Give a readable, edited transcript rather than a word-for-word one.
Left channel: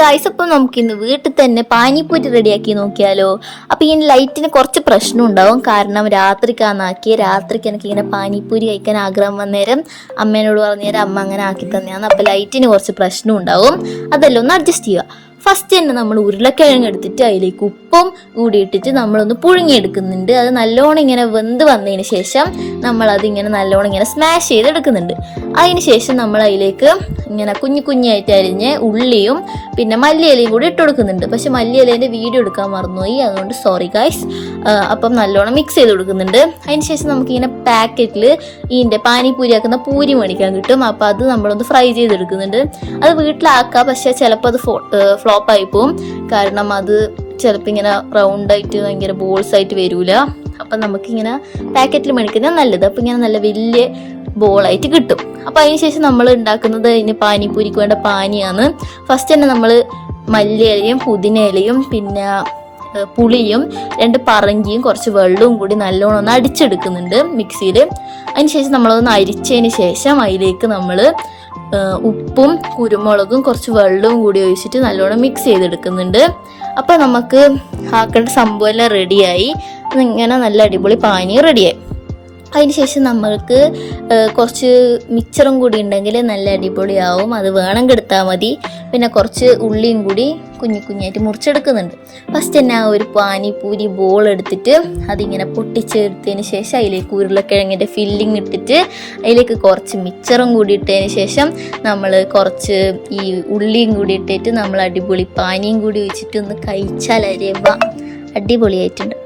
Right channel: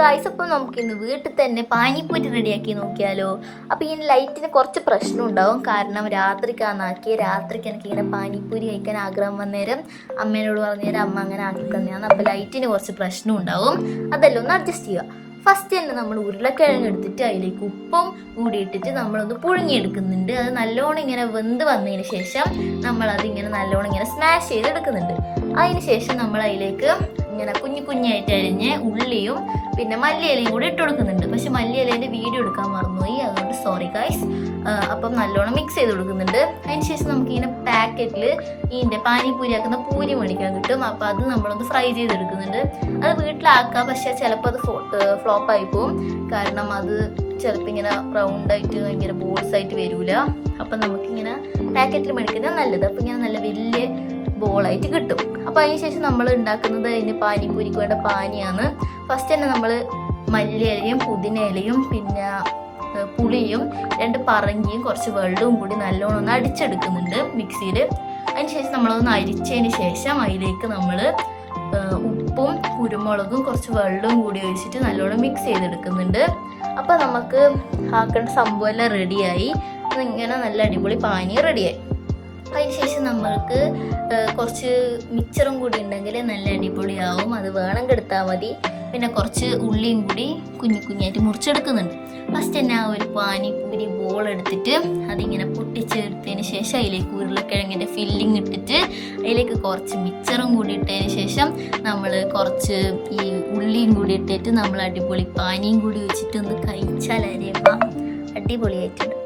Guys, അപ്പം നമുക്കിന്ന് വീട്ടിൽ തന്നെ പാനിപ്പൂരി റെഡിയാക്കി നോക്കിയാലോ. അപ്പം ഈ ലൈറ്റിന് കുറച്ച് പ്രശ്നം ഉണ്ടാവും. കാരണം രാത്രിക്ക് എനിക്കിങ്ങനെ പാനിപ്പൂരി കഴിക്കാൻ ആഗ്രഹം വന്നേരം അമ്മേനോട് പറഞ്ഞേരം അമ്മ അങ്ങനെ ആക്കി തന്നെയാണ്. അപ്പം ലൈറ്റിന് കുറച്ച് പ്രശ്നം ഉണ്ടാവും. അതെല്ലാം ഒന്ന് അഡ്ജസ്റ്റ് ചെയ്യുക. ഫസ്റ്റ് തന്നെ നമ്മൾ ഉരുളക്കിഴങ്ങ് എടുത്തിട്ട് അതിലേക്ക് ഉപ്പും കൂടി ഇട്ടിട്ട് നമ്മളൊന്ന് പുഴുങ്ങിയെടുക്കുന്നുണ്ട്. അത് നല്ലോണം ഇങ്ങനെ വെന്ത് വന്നതിന് ശേഷം നമ്മളതിങ്ങനെ നല്ലോണം ഇങ്ങനെ സ്മാഷ് ചെയ്തെടുക്കുന്നുണ്ട്. അതിന് ശേഷം നമ്മൾ അതിലേക്ക് ഇങ്ങനെ കുഞ്ഞായിട്ട് അരിഞ്ഞ് ഉള്ളിയും പിന്നെ മല്ലിയിലയും കൂടി ഇട്ട് കൊടുക്കുന്നുണ്ട്. പക്ഷെ മല്ലിയിലേൻ്റെ വീഡിയോ എടുക്കാൻ മറന്നുപോയി, അതുകൊണ്ട് സോറി ഗൈസ്. അപ്പം നല്ലോണം മിക്സ് ചെയ്ത് കൊടുക്കുന്നുണ്ട്. അതിന് ശേഷം നമുക്കിങ്ങനെ പാക്കറ്റിൽ ഇതിൻ്റെ പാനിപ്പൂരി ആക്കുന്ന പൂരി മേടിക്കാൻ കിട്ടും. അപ്പം അത് നമ്മളൊന്ന് ഫ്രൈ ചെയ്തെടുക്കുന്നുണ്ട്. അത് വീട്ടിലാക്കാം, പക്ഷെ ചിലപ്പോൾ അത് ഫ്ലോപ്പായി പോവും. കാരണം അത് ചിലപ്പോൾ ഇങ്ങനെ റൗണ്ടായിട്ട് ഭയങ്കര ബോൾസ് ആയിട്ട് വരൂല. അപ്പം നമുക്കിങ്ങനെ പാക്കറ്റിൽ മേടിക്കുന്നത് നല്ലത്. അപ്പം ഇങ്ങനെ നല്ല വലിയ ബോളായിട്ട് കിട്ടും. അപ്പം അതിന് ശേഷം നമ്മൾ ഉണ്ടാക്കുന്നത് അതിന് പാനിപ്പൂരിക്ക് വേണ്ട പാനിയാണ്. ഫസ്റ്റ് തന്നെ നമ്മൾ മല്ലിയിലയും പുതിനയിലയും പിന്നെ പുളിയും 2 പറങ്കിയും കുറച്ച് വെള്ളവും കൂടി നല്ലോണം ഒന്ന് അടിച്ചെടുക്കുന്നുണ്ട് മിക്സിയിൽ. അതിന് ശേഷം നമ്മളതൊന്ന് അരിച്ചതിന് ശേഷം അതിലേക്ക് നമ്മൾ ഉപ്പും കുരുമുളകും കുറച്ച് വെള്ളവും കൂടി ഒഴിച്ചിട്ട് നല്ലോണം മിക്സ് ചെയ്തെടുക്കുന്നുണ്ട്. അപ്പം നമുക്ക് ആക്കേണ്ട സംഭവം എല്ലാം റെഡിയായി. ഇങ്ങനെ നല്ല അടിപൊളി പാനി റെഡിയായി. അതിന് ശേഷം നമ്മൾക്ക് കുറച്ച് മിക്സറും കൂടി ഉണ്ടെങ്കിൽ നല്ല അടിപൊളിയാവും. അത് വേണമെങ്കിൽ എടുത്താൽ മതി. പിന്നെ കുറച്ച് ഉള്ളിയും കൂടി കുഞ്ഞായിട്ട് മുറിച്ചെടുക്കുന്നുണ്ട്. ഫസ്റ്റ് തന്നെ ആ ഒരു പാനിപ്പൂരി ബോൾ എടുത്തിട്ട് അതിങ്ങനെ പൊട്ടിച്ചെടുത്തതിന് ശേഷം അതിലേക്ക് ഉരുളക്കിഴങ്ങിൻ്റെ ഫില്ലിങ് ഇട്ടിട്ട് അതിലേക്ക് കുറച്ച് മിക്സറും കൂടി ഇട്ടതിന് ശേഷം നമ്മൾ കുറച്ച് ഈ ഉള്ളിയും കൂടി ഇട്ടിട്ട് നമ്മൾ അടിപൊളി പാനിയും കൂടി ഒഴിച്ചിട്ട് ഒന്ന് കഴിച്ചാൽ അടിപൊളിയായിട്ടുണ്ട്.